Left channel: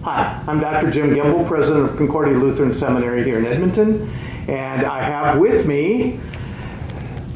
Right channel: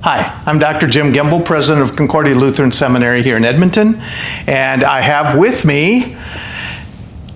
Hi, I'm Dr. Jim Gimbel, president of Concordia Lutheran Seminary here in Edmonton, and I have with me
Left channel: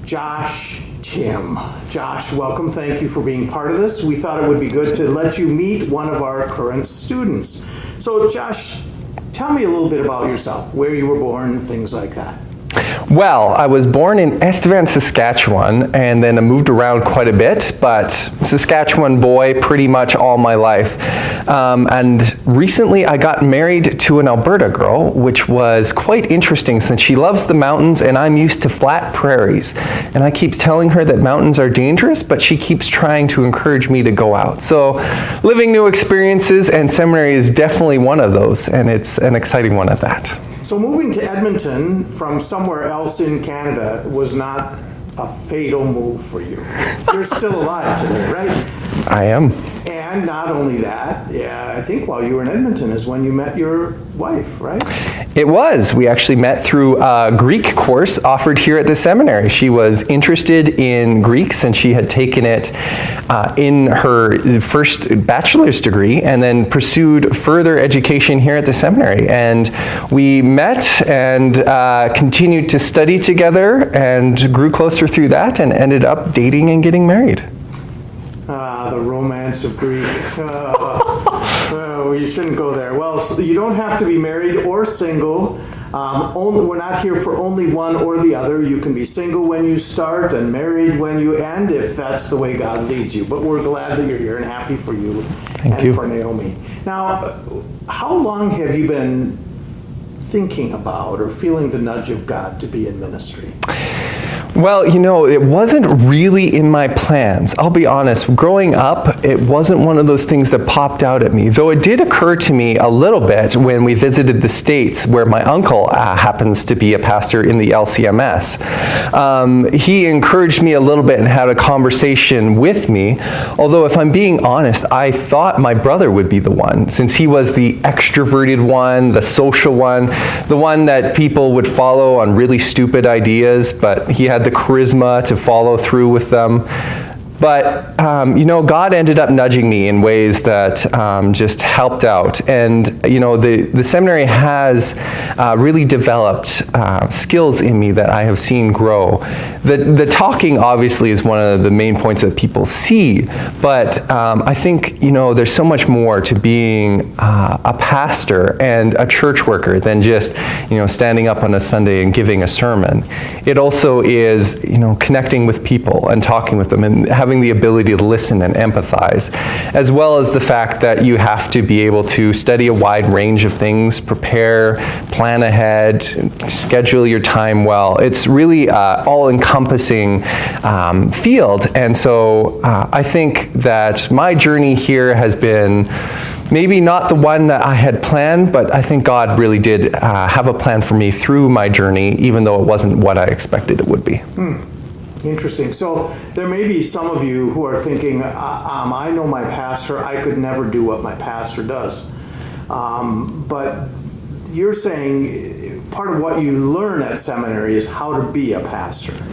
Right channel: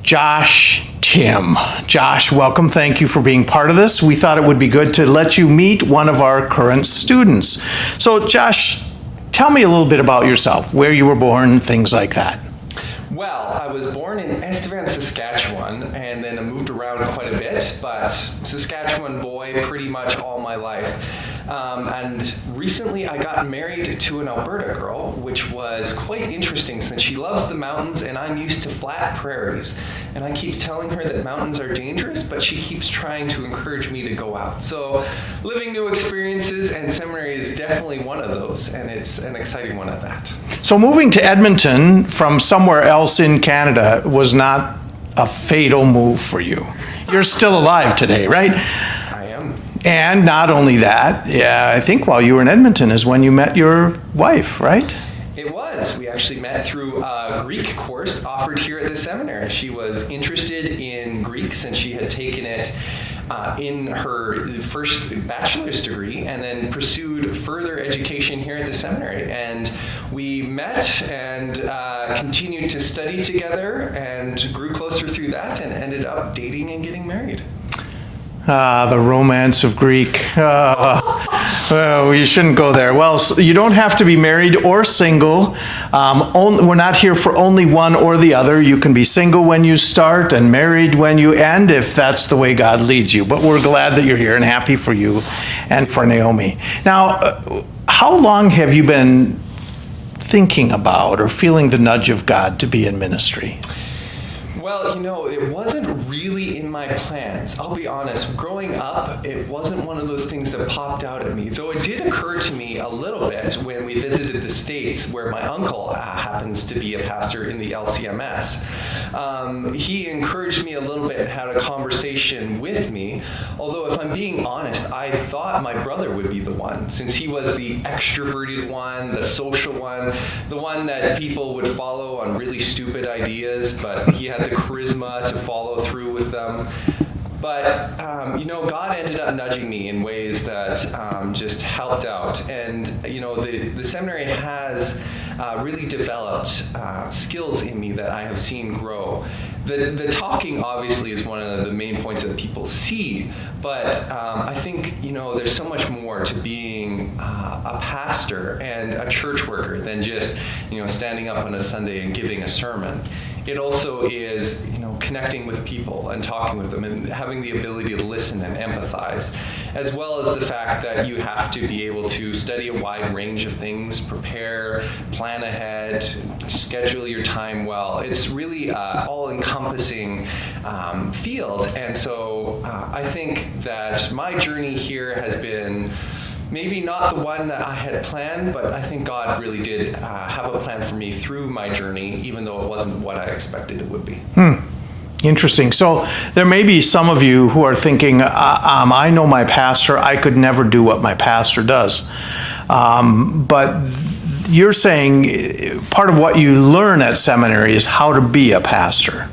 Josh Tim. Josh, welcome. Thank you for being part of this. We thought it would be good to let you meet one of our current students. So, Josh, tell me a little bit about yourself, where you were born, things like that. Well, I was born in Estevan, Saskatchewan, and then I moved around quite a bit, but Saskatchewan boy pretty much all my life. And recently I got married to an Alberta girl, which was quite interesting since she loves the mountains and I'm used to flat prairies. And I keep telling her that mountains are dangerous, but she keeps trying to encourage me to go out. So living new experiences, and seminary is definitely one of those, and it's an exciting one at that. So moving to Edmonton from somewhere else in Canada was not a fatal move for you. You're still alive today, right? I am. And not only that, yeah, I think while you were in Edmonton is when you met your wife, right? It was. We actually met through a Greek course offered here at the seminary. She was interested in Greek since she had taken it in her first bachelor's degree and then pursued further education here at the seminary. And we met and continued to study together and grew closer through that and ended up dating and getting married. The romance of Greek. Well, you shouldn't go there. Well, you don't have to be married or single. We're not here for only one or the other. You can be single when you start and married when you end, if that's the way God leads you. But we're glad that you're here and happy for you and for Naomi. Now, how long have you been thinking about or feeling the nudge of God to be in ministry? Well, you know, it wasn't really in my plans. I'll be honest, growing up, it wasn't one of those things that popped out at me, though it did occur to me a little bit when we visited the States, where my uncle happens to be a pastor in the LCMS. He encouraged me a little bit and had a conversation with me, although if I'm being honest, I thought my brother would be the one, since he was the extroverted one, the social one, the one that people would follow on really stupid ideas, but he had the charisma to follow through with them. But, you know, God ended up nudging me in ways that just helped out. And, you know, the seminary has really developed skills in me that I have seen grow. The talking, obviously, is one of the main points that people see. But I think, you know, there's so much more to being a pastor and a church worker than just, you know, standing up on a Sunday and giving a sermon. It also is, you know, connecting with people and talking with them and having the ability to listen and empathize, as well as the fact that you have to be able to study a wide range of things, prepare, plan ahead, schedule your time well. It's really all-encompassing field. And so I think that my journey here has been maybe not the one that I had planned, but I think God really did have a plan for me through my journey, even though it wasn't what I expected it would be. Interesting. So there may be some of you who are thinking, I know my pastor, I could never do what my pastor does. But you're saying part of what you learn at seminary is how to be a pastor.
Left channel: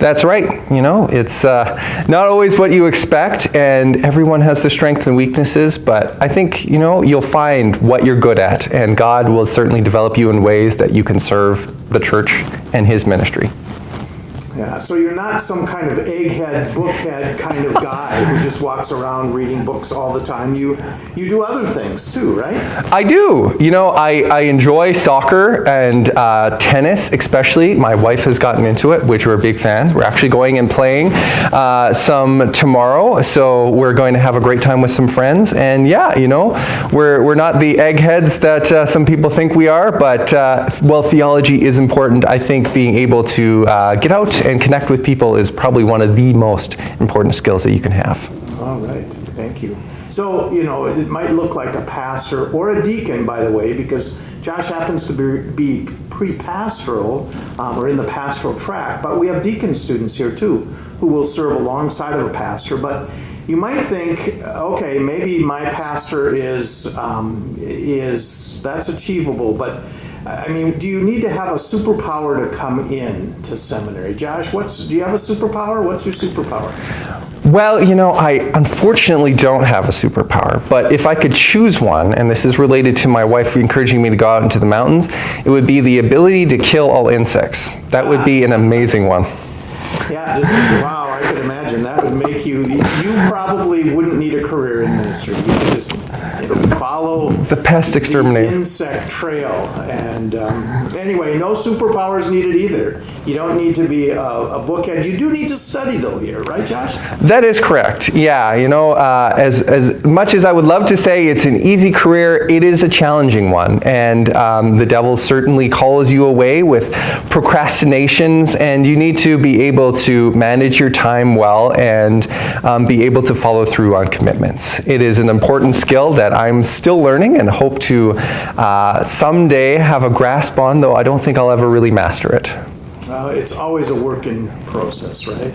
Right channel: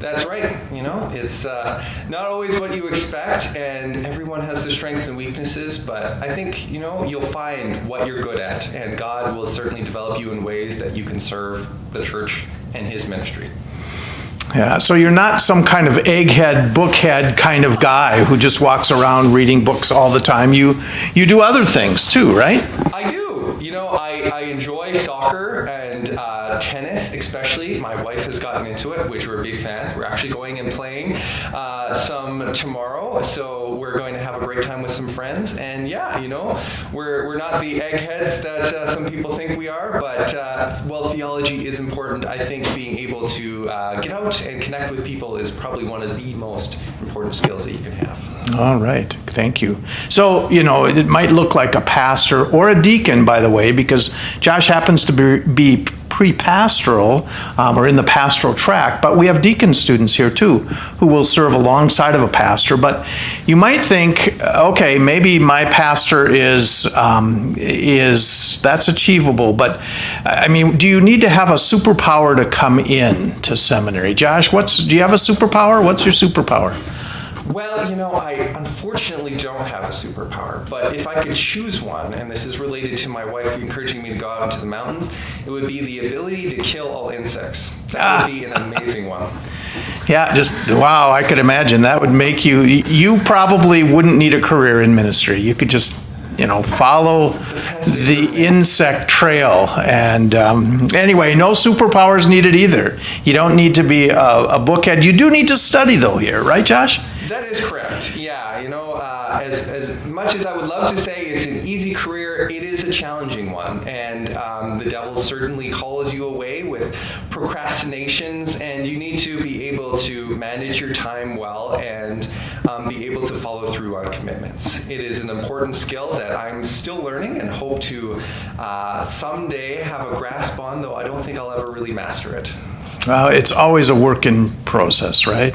That's right. You know, it's not always what you expect, and everyone has their strengths and weaknesses, but I think, you know, you'll find what you're good at, and God will certainly develop you in ways that you can serve the church and his ministry. Yeah, so you're not some kind of egghead, bookhead kind of guy who just walks around reading books all the time. You do other things too, right? I do. You know, I enjoy soccer and tennis, especially. My wife has gotten into it, which we're big fans. We're actually going and playing some tomorrow, so we're going to have a great time with some friends. And yeah, you know, we're not the eggheads that some people think we are, but well, theology is important. I think being able to get out and connect with people is probably one of the most important skills that you can have. All right, thank you. So, you know, it might look like a pastor or a deacon, by the way, because Josh happens to be pre-pastoral or in the pastoral track, but we have deacon students here too who will serve alongside of a pastor. But you might think, okay, maybe my pastor is that's achievable, but I mean, do you need to have a superpower to come in to seminary? Josh, do you have a superpower? What's your superpower? Well, I unfortunately don't have a superpower, but if I could choose one, and this is related to my wife encouraging me to go out into the mountains, it would be the ability to kill all insects. That would be an amazing one. Yeah, wow, I could imagine. That would make you probably wouldn't need a career in ministry. You could just, follow the pest the exterminator. insect trail. And anyway, no superpowers needed either. You don't need to be a bookhead. You do need to study, though, here, right, Josh? That is correct. Yeah, as much as I would love to say it's an easy career, it is a challenging one. And the devil certainly calls you away with procrastinations, and you need to be able to manage your time well and be able to follow through on commitments. It is an important skill that I'm still learning and hope to someday have a grasp on, though I don't think I'll ever really master it. Well, it's always a work in process, right?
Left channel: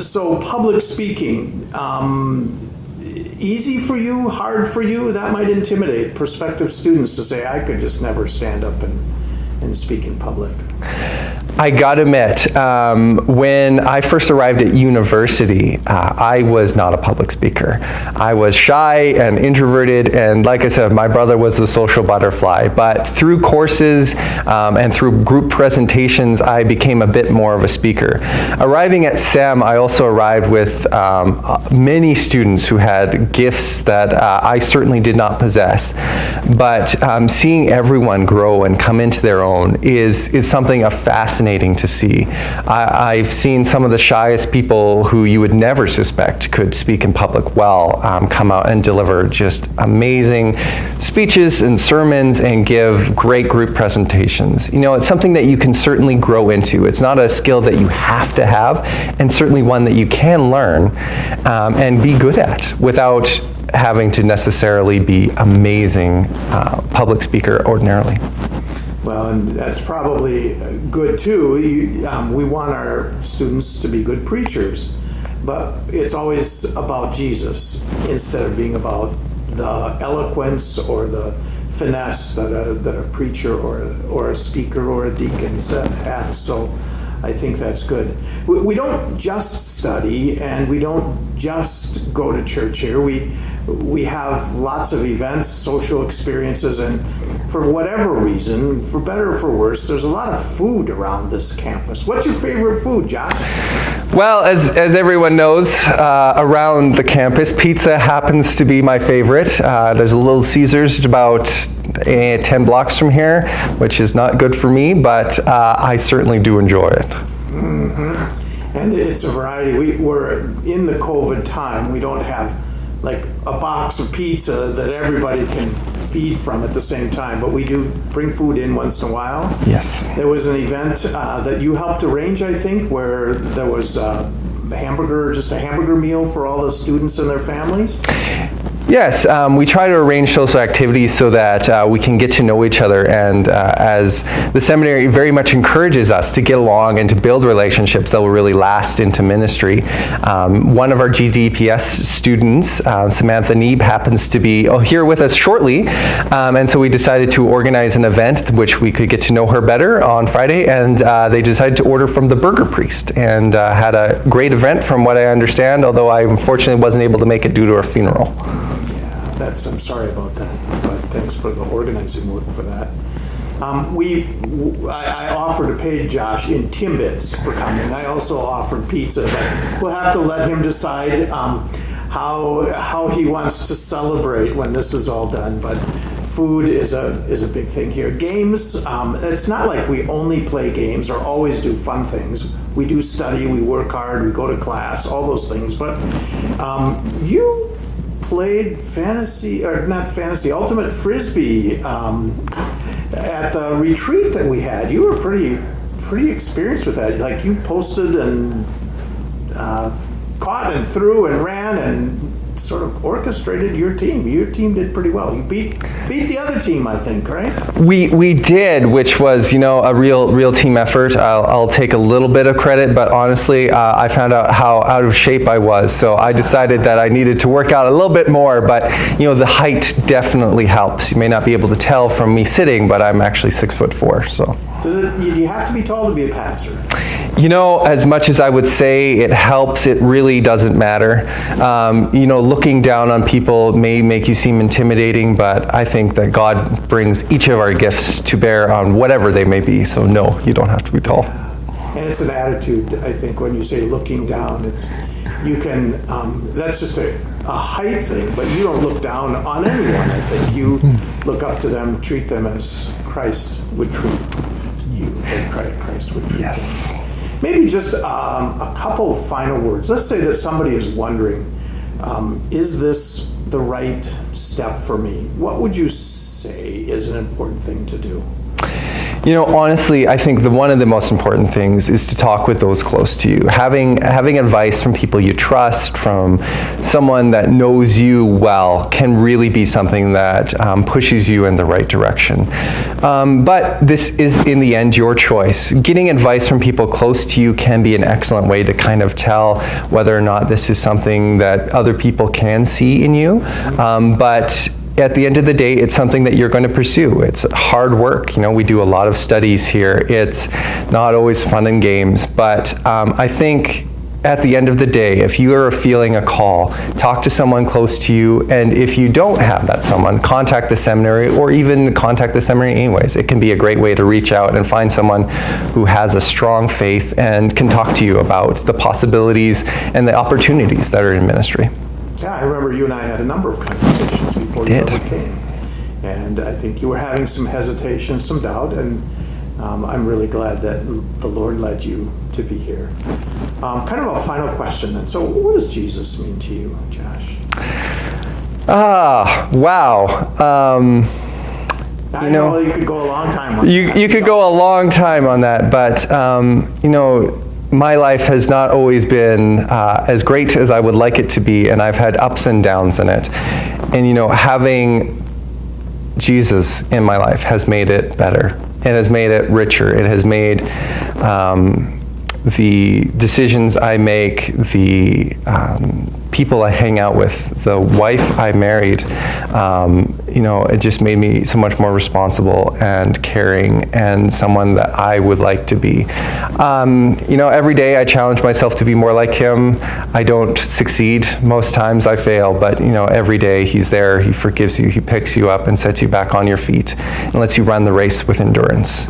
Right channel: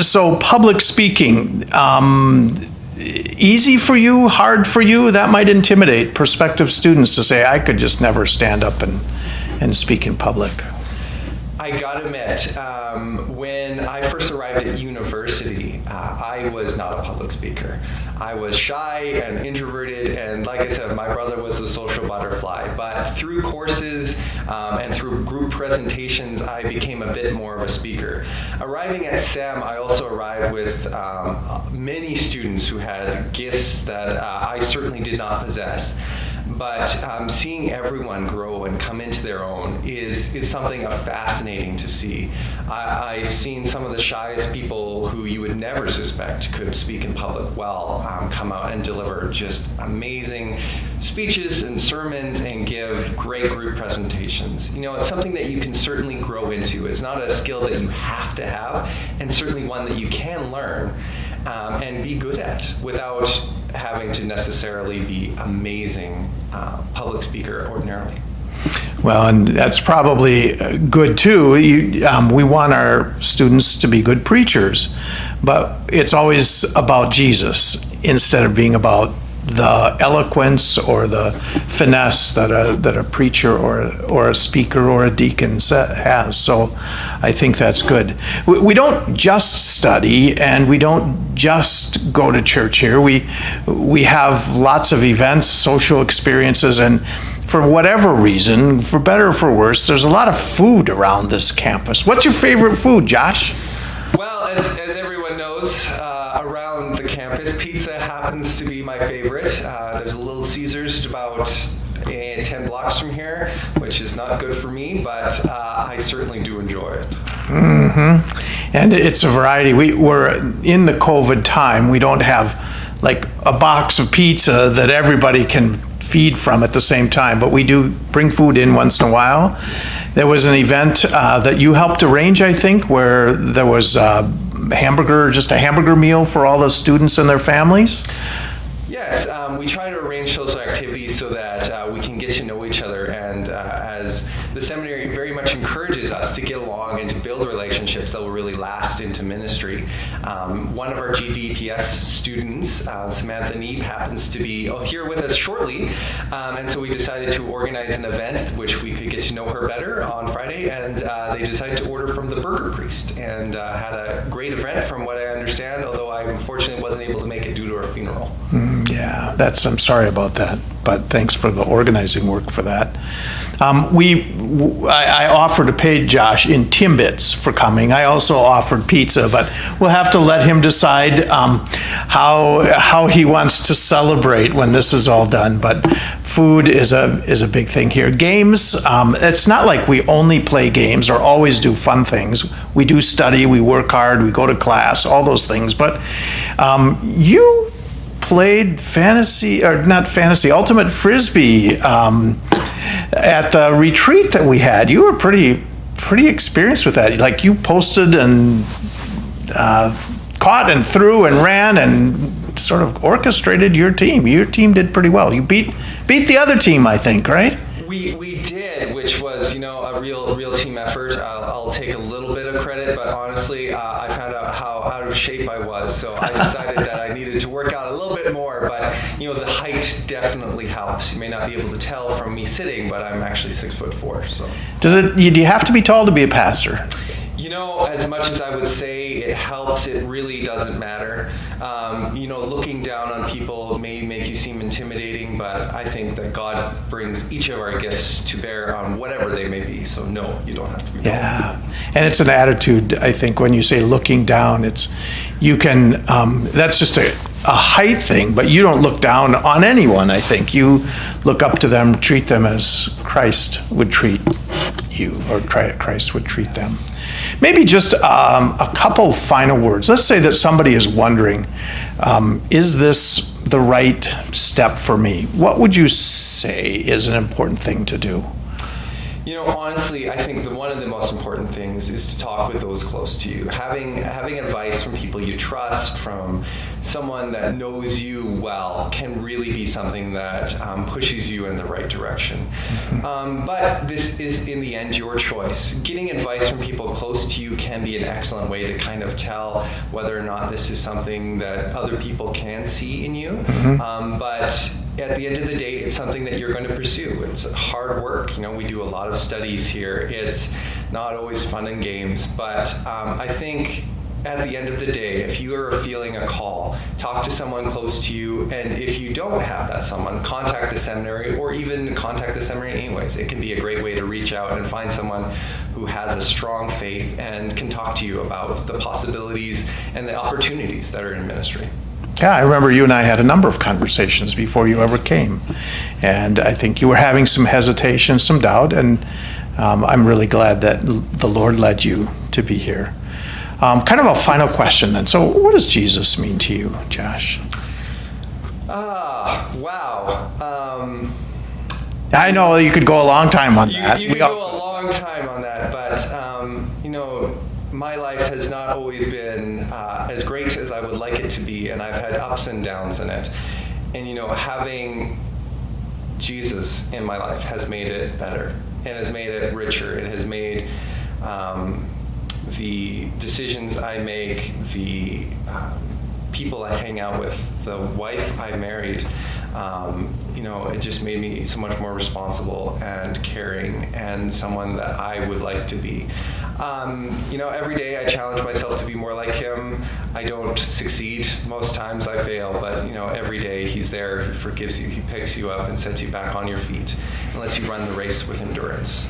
So public speaking, easy for you, hard for you? That might intimidate prospective students to say, I could just never stand up and speak in public. I gotta admit, when I first arrived at university, I was not a public speaker. I was shy and introverted, and like I said, my brother was the social butterfly. But through courses and through group presentations, I became a bit more of a speaker. Arriving at SEM, I also arrived with many students who had gifts that I certainly did not possess. But seeing everyone grow and come into their own is something fascinating to see. I've seen some of the shyest people who you would never suspect could speak in public well come out and deliver just amazing speeches and sermons and give great group presentations. It's something that you can certainly grow into. It's not a skill that you have to have, and certainly one that you can learn and be good at without having to necessarily be amazing public speaker ordinarily. Well, and that's probably good too. We want our students to be good preachers, but it's always about Jesus instead of being about the eloquence or the finesse that a preacher or a speaker or a deacon has. So I think that's good. We don't just study and we don't just go to church here. We have lots of events, social experiences, and for whatever reason, for better or for worse, there's a lot of food around this campus. What's your favorite food, Josh? Well, as everyone knows, around the campus, pizza happens to be my favorite. There's a Little Caesars about 10 blocks from here, which is not good for me, but I certainly do enjoy it. Mm-hmm. And it's a variety. We're in the COVID time. We don't have like a box of pizza that everybody can feed from at the same time, but we do bring food in once in a while. Yes. There was an event that you helped arrange, I think, where there was just a hamburger meal for all the students and their families. Yes, we try to arrange social activities so that we can get to know each other, and as the seminary very much encourages us to get along and to build relationships that will really last into ministry. One of our GDPS students, Samantha Neeb, happens to be here with us shortly, and so we decided to organize an event which we could get to know her better on Friday, and they decided to order from the Burger Priest, and had a great event from what I understand, although I unfortunately wasn't able to make it due to her funeral. Yeah, I'm sorry about that, but thanks for the organizing work for that. I offered to pay Josh in Timbits for coming. I also offered pizza, but we'll have to let him decide how he wants to celebrate when this is all done. But food is a big thing here. Games, it's not like we only play games or always do fun things. We do study, we work hard, we go to class, all those things. But you played ultimate frisbee at the retreat that we had. You were pretty experienced with that. Like, you posted and caught and threw and ran and sort of orchestrated your team. Your team did pretty well. You beat the other team, I think, right? We did, which was, a real team effort. I'll take a little bit of credit, but honestly, I found out how out of shape I was, so I decided that I needed to work out a little bit more. But the height definitely helps. You may not be able to tell from me sitting, but I'm actually 6'4". So do you have to be tall to be a pastor? You know, as much as I would say it helps, it really doesn't matter. You know, looking down on people may make you seem intimidating, but I think that God brings each of our gifts to bear on whatever they may be. So no, you don't have to be tall. Yeah. And it's an attitude, I think, when you say looking down, you can, that's just a height thing, but you don't look down on anyone, I think. You look up to them, treat them as Christ would treat you, or Christ would treat them. Maybe just a couple final words. Let's say that somebody is wondering, is this the right step for me? What would you say is an important thing to do? You know, honestly, I think one of the most important things is to talk with those close to you. Having advice from people you trust, from someone that knows you well, can really be something that pushes you in the right direction. But this is, in the end, your choice. Getting advice from people close to you can be an excellent way to kind of tell whether or not this is something that other people can see in you. But at the end of the day, it's something that you're going to pursue. It's hard work. You know, we do a lot of studies here. It's not always fun and games, but I think at the end of the day, if you are feeling a call, talk to someone close to you, and if you don't have that someone, contact the seminary, or even contact the seminary anyways. It can be a great way to reach out and find someone who has a strong faith and can talk to you about the possibilities and the opportunities that are in ministry. Yeah, I remember you and I had a number of conversations before you ever came. And I think you were having some hesitation, some doubt, and I'm really glad that the Lord led you to be here. Kind of a final question then. So what does Jesus mean to you, Josh? Wow. I know you could go a long time on that. You could go a long time on that, but you know, my life has not always been as great as I would like it to be, and I've had ups and downs in it. And you know, having Jesus in my life has made it better. It has made it richer. It has made the decisions I make, the people I hang out with, the wife I married, you know, it just made me so much more responsible and caring and someone that I would like to be. You know, every day I challenge myself to be more like him. I don't succeed. Most times I fail, but you know, every day he's there, he forgives you, he picks you up and sets you back on your feet and lets you run the race with endurance.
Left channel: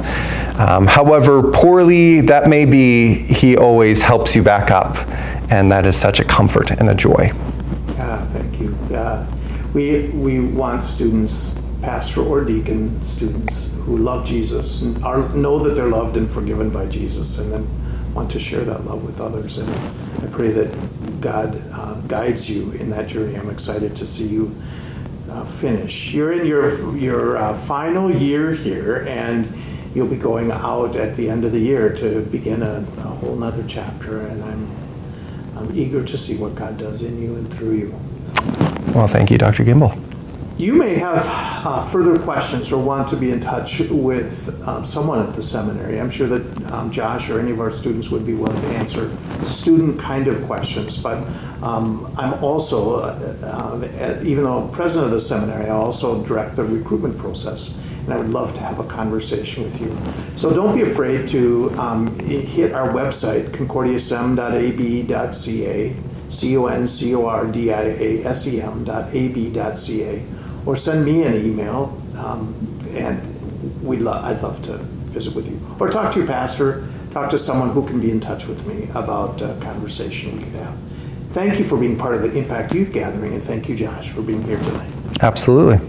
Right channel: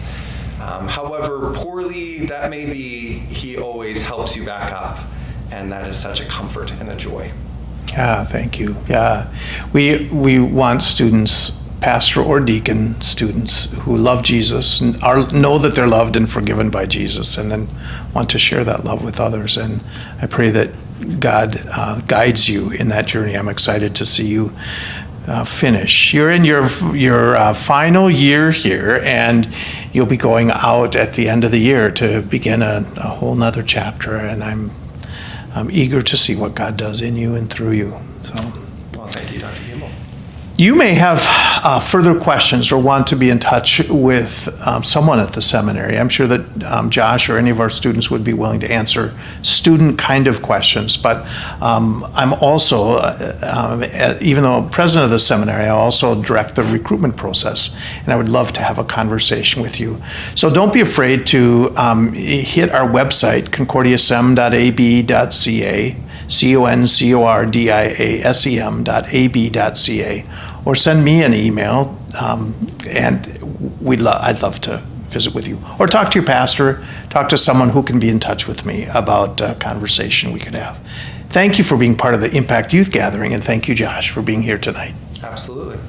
However poorly that may be, he always helps you back up. And that is such a comfort and a joy. Yeah, thank you. Yeah, we want students, pastor or deacon students, who love Jesus and know that they're loved and forgiven by Jesus, and then want to share that love with others. And I pray that God guides you in that journey. I'm excited to see you finish. You're in your final year here, and you'll be going out at the end of the year to begin a whole nother chapter. And I'm eager to see what God does in you and through you. So. Well, thank you, Dr. Gimbel. You may have further questions or want to be in touch with someone at the seminary. I'm sure that Josh or any of our students would be willing to answer student kind of questions. But I'm also, even though president of the seminary, I also direct the recruitment process, and I would love to have a conversation with you. So don't be afraid to hit our website, concordiasem.ab.ca, concordiasem.ab.ca, or send me an email, and I'd love to visit with you. Or talk to your pastor, talk to someone who can be in touch with me about a conversation we could have. Thank you for being part of the Impact Youth Gathering, and thank you, Josh, for being here tonight. Absolutely.